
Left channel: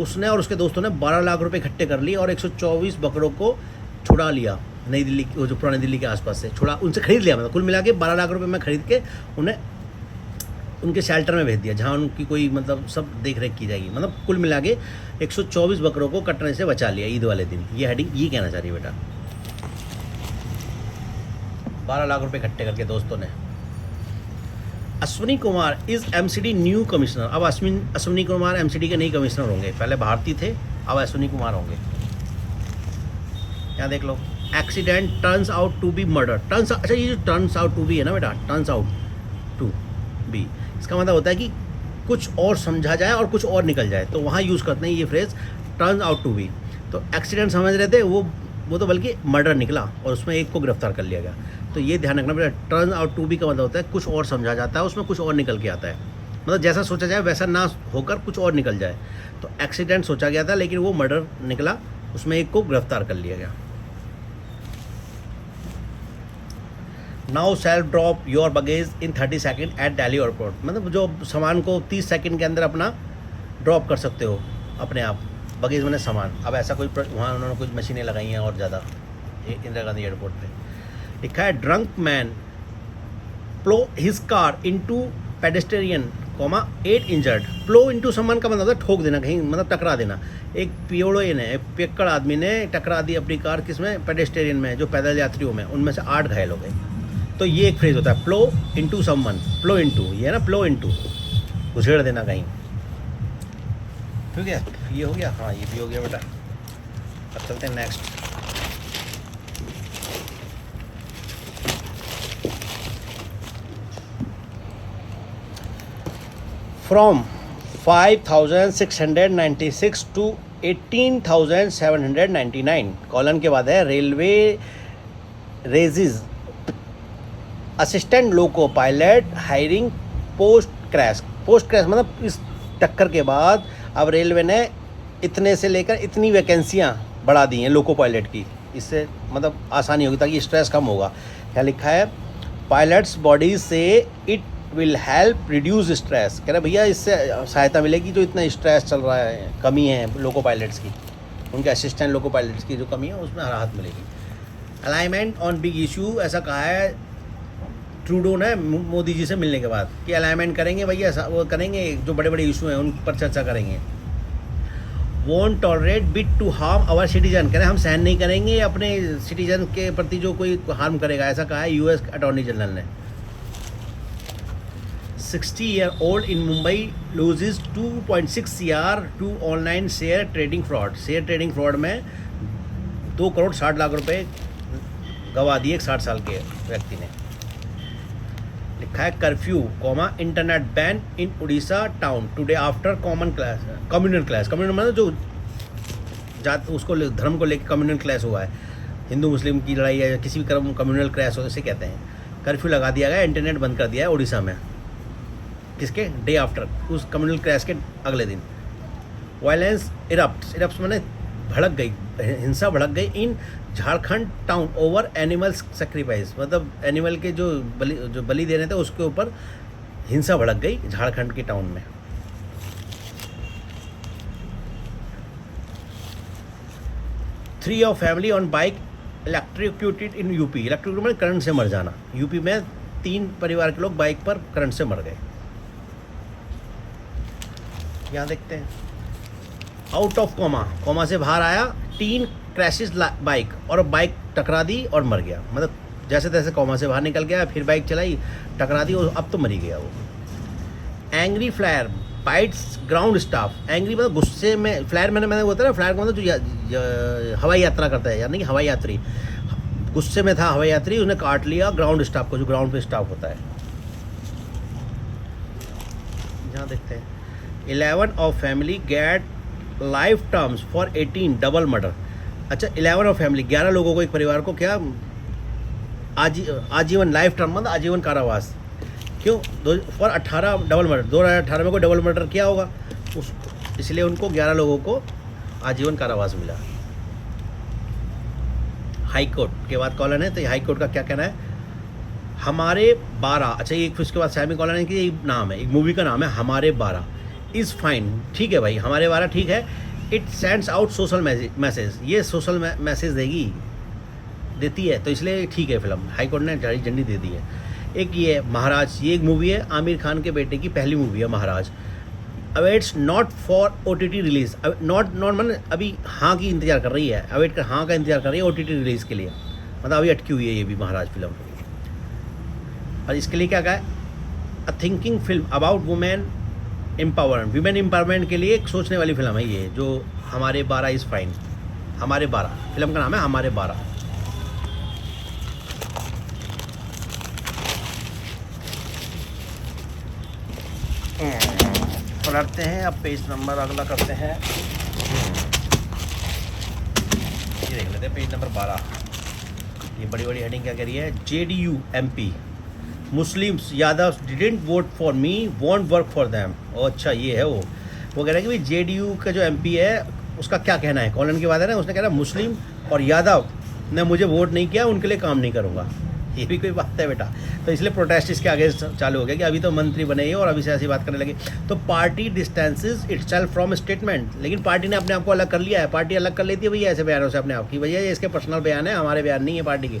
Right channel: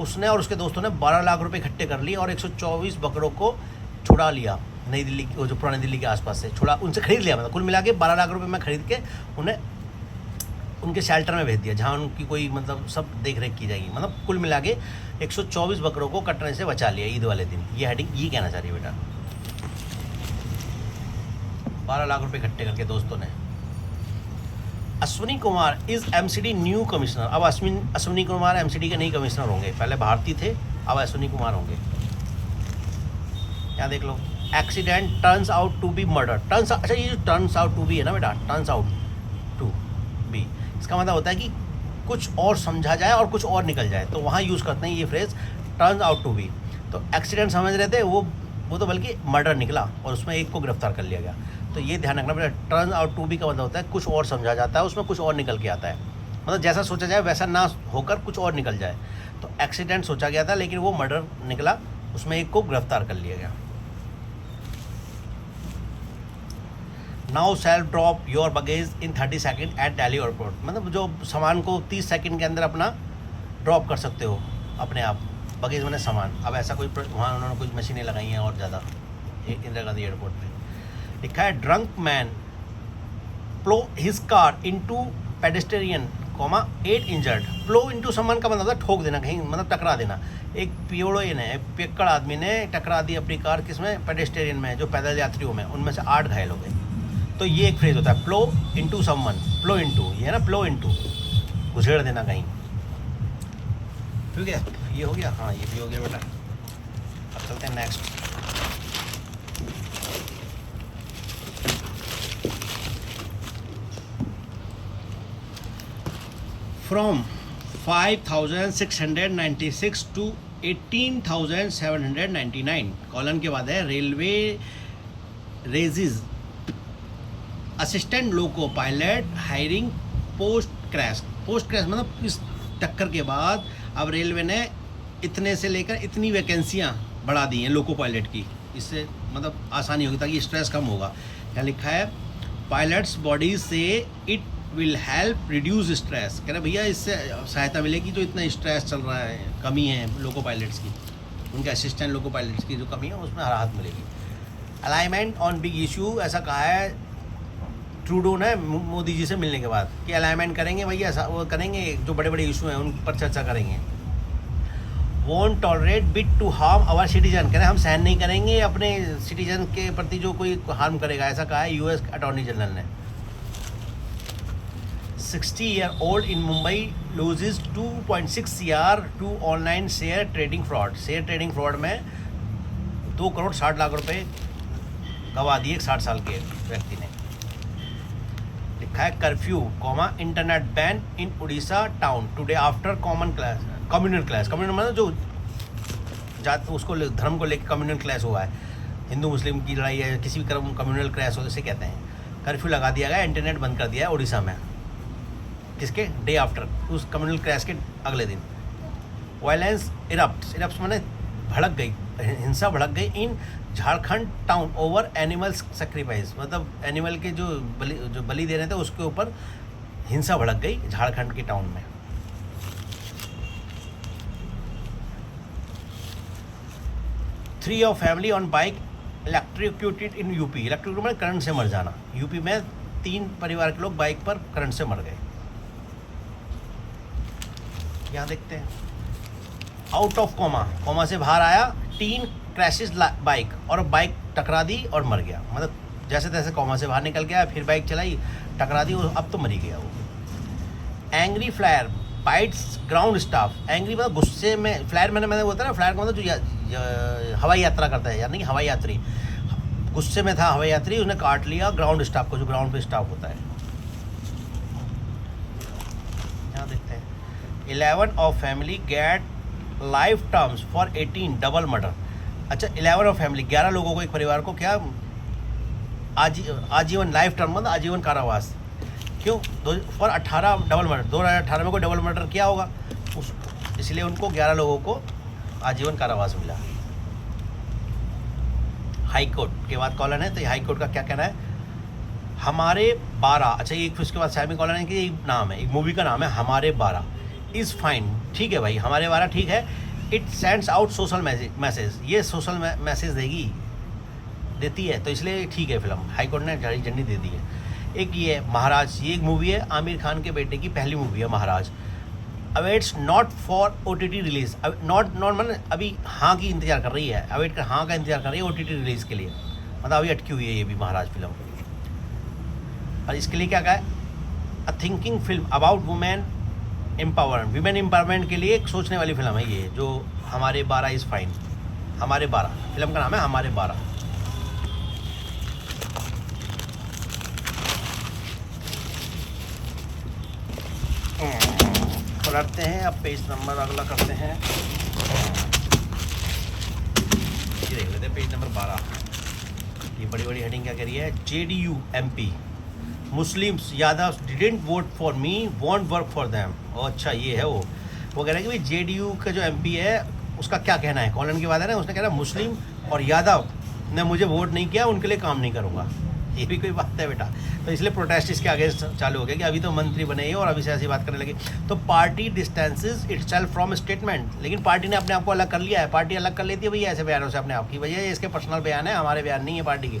उसने और उसके दोस्तों ने 12 लाख रुपए इकट्ठे कर लिए और 124 बकरों को छुड़ा लिया नई दिल्ली, वो जो पुरानी दिल्ली के आसपास से छुड़ा, उनसे खरीद लिया, मतलब कुल मिला के 12 लाख रुपए में खरीद के उन्हें उनके शेल्टर में भेज दिया, जहाँ उनकी कोई मतलब सब देख रेख की जाएगी। मतलब कुल मिला के 124 बकरों को कटने से बचा लिया ईद वाले दिन। ये हेडिंग ये कहना चाह रही है बेटा, 12 लाख रुपए इकट्ठे करके दोस्तों ने। Ashwini Kumar is MCD new commissioner, अब अश्विनी कुमार MCD के नए कमिश्नर होंगे, पहले भारती थे, अब अश्विनी कुमार होंगे। यहाँ देख लो, accident turns out to be murder, turns, अच्छा ये जो टर्न्स आउट टू बी है ना बेटा, टर्न्स आउट टू बी, इसका मतलब होता है कि कुछ और समझा जाए और कुछ और निकल जाए, तो वहाँ यूज़ करते हैं ये phrase turns out to be. तो एक्सीडेंट समझ रहे थे वो तो बल्कि मर्डर निकला और उसमें एक को गिरफ्तार कर लिया गया। तो ये ध्यान रखना बेटा, टर्न आउट टू बी का मतलब होता है कुछ और समझा जाता है, उसमें कुछ और निकल के आता है, मतलब जैसा सोचा जाए वैसा ना होकर कुछ और निकल जाए। तो एक्सीडेंट सोचा गया था लेकिन वो मर्डर निकला, उसमें एक को गिरफ्तार कर लिया गया। Now self drop your baggage in 30 second at Delhi airport, मतलब जो सामान को 30 सेकेंड के अंदर अपना ड्रॉप कर सकते हो अपने आप, बगेज मैंने सामान। अब ऐसा कोई वहाँ उन्होंने कुछ मशीनें लगाई हैं और ज़्यादा इंदिरा गांधी एयरपोर्ट पे। लिखा है ड्रंक मैन प्लो his car into pedestrian, 8 injured. प्लो इनटू समन का मतलब ठोक देना, कहीं मतलब टकरा देना। एक पियोड़े ने, एक पियक्कड़ आदमी ने टकरा दी अपनी कार, किसमें, पेडेस्टेरियन में, जो पैदल यात्रियों में, उनमें से 8 घायल हो गए। तो ये एक फ्रेज होता है प्लो इनटू समवन, प्लो इनटू, ये ना प्लो इनटू, घुसेड़ देना कहीं। ठीक है, ये हो गया, हाँ ये भी हो गया बेटा। अब चलते हैं नेक्स्ट। फ्रॉम 5,696 टू 18,799, कॉलन के बाद है railway raises assistant loco pilot hiring post crash मतलब इस टक्कर के बाद अब रेलवे ने इतने से लेकर इतनी वैकेंसियां बढ़ा दी हैं लोको पायलट की, इससे मतलब आसानी होगी ताकि स्ट्रेस कम होगा। क्या लिखा है, पायलट्स बॉडी से it will help reduce stress, कह रहे भैया इससे सहायता मिलेगी जो इतना स्ट्रेस चल रहा है, कमी है लोको पायलट्स की, उनके असिस्टेंट लोको पायलट्स की जो कमी है उसमें राहत मिलेगी। अलाइनमेंट ऑन बिग इशू, ऐसा कहा है ट्रूडो ने मोदी जी से मिलने के बाद कि अलाइनमेंट करेंगे भैया, वो करेंगे, जो बड़े बड़े इशू हैं उन पर चर्चा करेंगे। Won't tolerate bid to harm our citizen, कह रहे हम सहन नहीं करेंगे अपने सिटीजन के प्रति जो कोई हार्म करेगा, ऐसा कहा है US अटॉर्नी जनरल ने। 60-year-old in Mumbai loses 2.6 CR to online share trading fraud, share trading fraud में 2 करोड़ 60 लाख रुपए गवा दिए एक 60 साल के व्यक्ति ने। लिखा है curfew internet ban in Orissa town today after communal clash, communal मतलब जो जात उसको धर्म को लेकर कम्युनल क्लैश हुआ है, हिंदू मुस्लिम की लड़ाई है, किसी भी कम्युनल क्लैश हो इसे कहते हैं। कर्फ्यू लगा दिया गया, इंटरनेट बंद कर दिया है उड़ीसा में, किसके, डे आफ्टर, उस कम्युनल क्लैश के अगले दिन। वायलेंस इरप्ट्स माने भड़क गई, हिंसा भड़क गई in Jharkhand town over animal sacrifice, मतलब एनिमल के जो बलि दे रहे थे उसके ऊपर हिंसा भड़क गई झारखंड के टाउन में। Three of family on bike electrocuted in UP. Electrocute में करंट से मर जाना। यूपी में 3 परिवार के लोग बाइक पर करंट से मर गए। यहाँ देखते हैं आउट ऑफ कोमा से बाहर आया, टीन क्रैशेस बाइक, और बाइक टकरा दी और मर गया। मतलब जैसे तैसे कोमा से बाहर निकल गया, फिर बाइक चलाई, टकरा दी और अब तो मर ही गया वो। Angry flyer bytes ground staff. Angry मतलब गुस्से में, फ्लायर मैंने बोलता है ना, फ्लायर का मतलब जो हवाई यात्रा करता है, यानी कि हवाई यात्री। गुस्से में था हवाई यात्री, उसने काट लिया ग्राउंड स्टाफ को, जो ग्राउंड पे स्टाफ होता है। यहाँ देखते हैं 11 of family get life terms for 18 double murder. अच्छा 11 ऑफ फैमिली, 11 लोगों को, एक परिवार को क्या आजीवन लाइफ टर्म मतलब आजीवन कारावास। क्यों? For 18 double murder. 2018 में कोई डबल मर्डर किया होगा इसलिए उनको 11 लोगों को आजीवन कारावास मिला। हाई कोर्ट के बाद कॉलन है, तो हाई कोर्ट का क्या कहना है? हमारे 12। अच्छा ये उसके बाद सेमी कॉलन है कि ये नाम है, एक मूवी का नाम है हमारे 12 इज़ फाइन। ठीक है भाई, हमारे 12 ठीक है। It sends out social message, ये सोशल मैसेज देती है, तो इसलिए ठीक है फिल्म। हाई कोर्ट ने झंडी दे दी है। एक ये महाराज, ये एक मूवी है, आमिर खान के बेटे की पहली मूवी है Maharaj. Awaits not for OTT release. Not मतलब अभी हाँ की इंतजार कर रही है, अवेट कर हाँ का इंतजार कर रही है OTT रिलीज के लिए, मतलब अभी अटकी हुई है ये भी महाराज फिल्म। और इसके लिए क्या कहा है? A thinking film about women empowerment, women empowerment के लिए एक सोचने वाली फिल्म है ये, जो हमारे 12 इज़ फाइन। हमारे 12 फिल्म का नाम है हमारे 12। पलटते हैं, अब पेज नंबर अगला करते हैं। ये देख लेते हैं पेज नंबर 12। ये बड़ी बड़ी हेडिंग क्या कह रही है? JDU MP Muslims Yadav didn't vote for me, want work for them. और अच्छा ये है वो कह रहा है कि भाई JDU का जो MP है उसका क्या कहना है, कॉलन के बाद है ना, उसने कह रहा मुस्लिम और यादव ने मुझे वोट नहीं किया, उनके लिए काम नहीं करूँगा। ये भी कोई बात है बेटा? तो इसलिए प्रोटेस्ट इसके आगे चालू हो गया कि अभी तो मंत्री बने ही और अभी से ऐसी बात करने लगे। तो party distances itself from statement, लेकिन पार्टी ने अपने आप को अलग कर लिया है। पार्टी अलग कर लेती है भैया ऐसे बयानों से अपने आप की, भैया ये इसके पर्सनल बयान है, हमारे बयान नहीं है पार्टी की।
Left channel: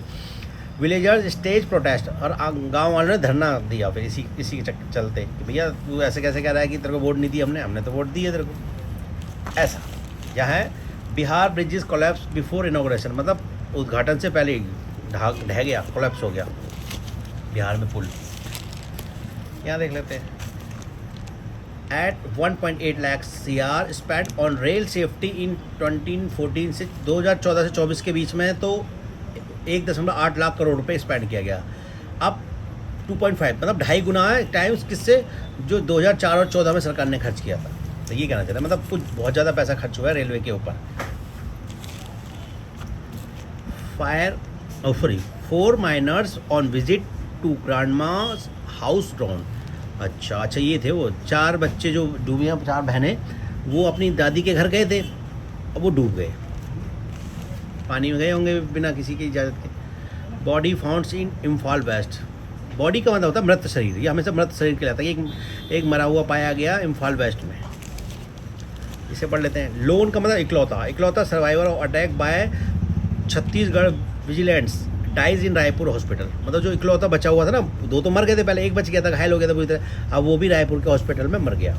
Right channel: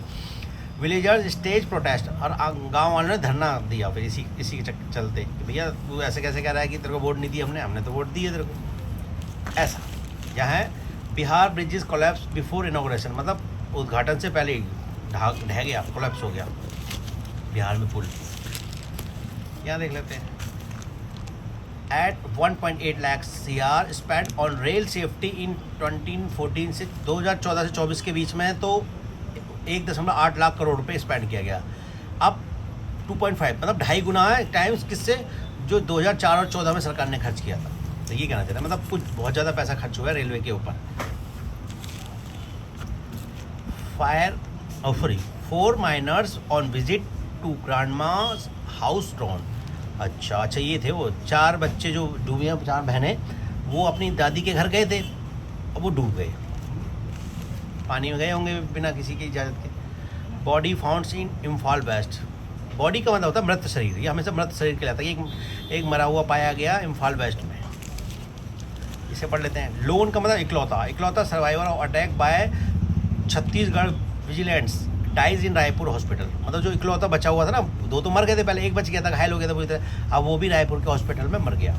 विलेजर्स स्टेज प्रोटेस्ट, और गाँव वालों ने धरना दिया फिर इसी चलते, भैया तू ऐसे कैसे कह रहा है कि तेरे को वोट नहीं दी हमने तो वोट दी है तेरे को। ऐसा यहाँ है Bihar bridges collapse before inauguration, मतलब उद्घाटन से पहले ढह गया, कोलैप्स हो गया बिहार में पुल। यहाँ देख लेते हैं at 1.8 lakh CR spend on rail safety in 2014 से 2014 से 24 के बीच में, तो 1.8 लाख करोड़ रुपए स्पेंड किया गया। अब 2.5 मतलब 2.5 गुना है टाइम्स किससे, जो 2004 और 14 में सरकार ने खर्च किया था। तो ये कहना चाहता है मतलब कुछ बहुत ज़्यादा पैसा खर्च हुआ है रेलवे के ऊपर। Sorry 4 minors on visit to grandma's house drawn. अच्छा ये थे वो 4 बच्चे जो डूबे हैं, 4 बहनें, वो अपनी दादी के घर गए थे, अब वो डूब गए, पानी में गए होंगे बिना किसी की इजाज़त के। बॉडी फाउंड्स इन इम्फाल वेस्ट। बॉडी का मतलब होता है मृत शरीर, ये हमेशा मृत शरीर कहलाता है। एक मरा हुआ पाया गया इम्फाल वेस्ट में। इसे पढ़ लेते हैं। लोन का मतलब इकलौता survivor of attack by Chhattisgarh vigilantes dies in Raipur hospital. मतलब जो इकलौता बचा हुआ था ना, 2 तो मर गए थे पहले, एक बच गया था, घायल हो गया था पूरी तरह, अब वो भी रायपुर के हॉस्पिटल में मर गया।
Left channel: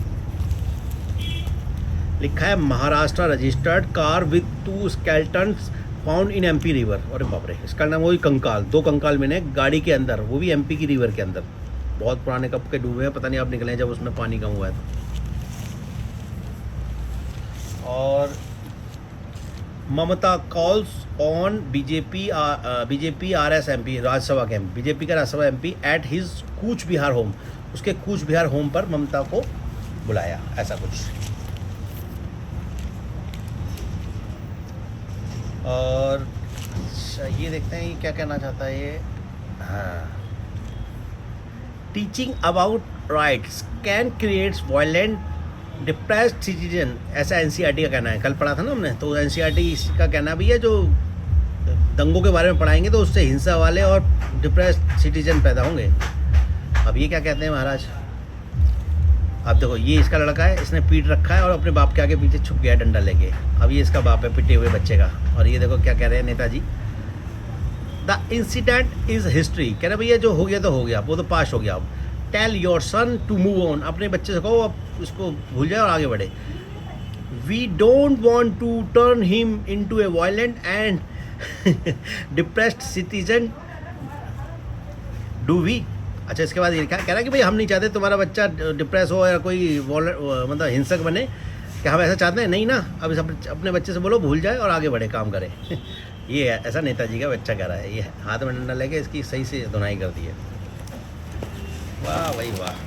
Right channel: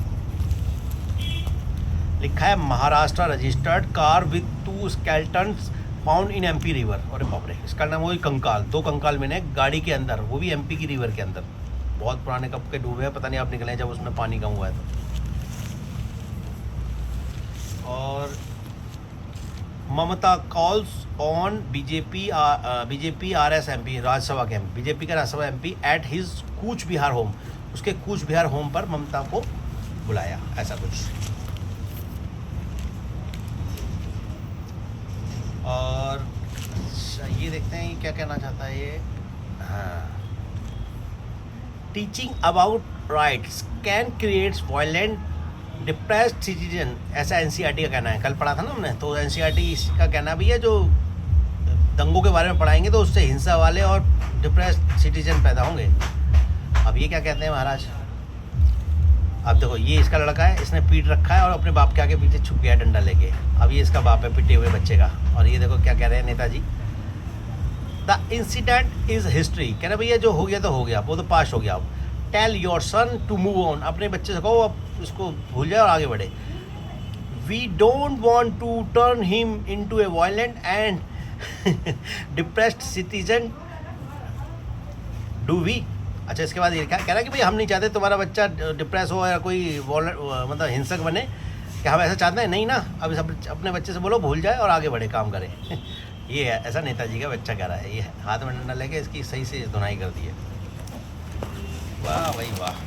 लिखा है Maharashtra registered car with 2 skeletons found in MP river. और बाप रे, इसका नाम वही कंकाल, 2 कंकाल मिले गाड़ी के अंदर, वो भी MP की रिवर के अंदर। बहुत पुराने कब के डूबे हैं, पता नहीं आप निकले जब उसमें पानी कम हुआ है। और Mamata calls on BJP RS MP Rajya Sabha के बीजेपी का Rajya Sabha MP at his Cooch Behar home, उसके कूच बिहार होम पर ममता को बुलाया, ऐसा कुछ। और ये देखते हैं ये क्या कहना चाहता है ये। हाँ, teaching about rights can creates violent depressed citizen, ऐसा एनसीईआरटी का कहना है। कल पढ़ा था ना हमने, तो एनसीईआरटी का कहना भी है जो दंगों के बारे में पढ़ाएंगे तो उससे हिंसा वाले और डिप्रेस्ड सिटीजन पैदा होंगे। अब ये क्या कहते हैं महाराज, अब देखो ये इसका लड़का है, इसने पीट रखा है और अपने बाप के आगे पीछे छुप गया डंडा लेके। अब ये इसका बाप है पिटे हुए बच्चे का, और ये देखो क्या कह रहे हैं Netaji, the incident is history. कह रहे भैया जो हो गया तो हो गया, वो तो पास हो गया। अब tell your son to move on, अपने बच्चे से कहो अब उसको भूल जाए और आगे बढ़े। We don't want to turn him into a violent and depressed citizen, do we. अच्छा, इसके बाद ये क्या कह रहा है कि भाई हम नहीं चाहते तुम्हारा बच्चा डिप्रेस हो या कोई मतलब हिंसक बने, क्या हम ऐसा चाहते हैं? नहीं ना। अब अपने बच्चे से बोलो भूल जाए और आगे बढ़े, काम करे। ये है, ऐसा नेताजी का बच्चा कह रहा है। ये हाथ में डंडा लेके इसकी सही से धुनाई कर दी है। वाह भाई वाह।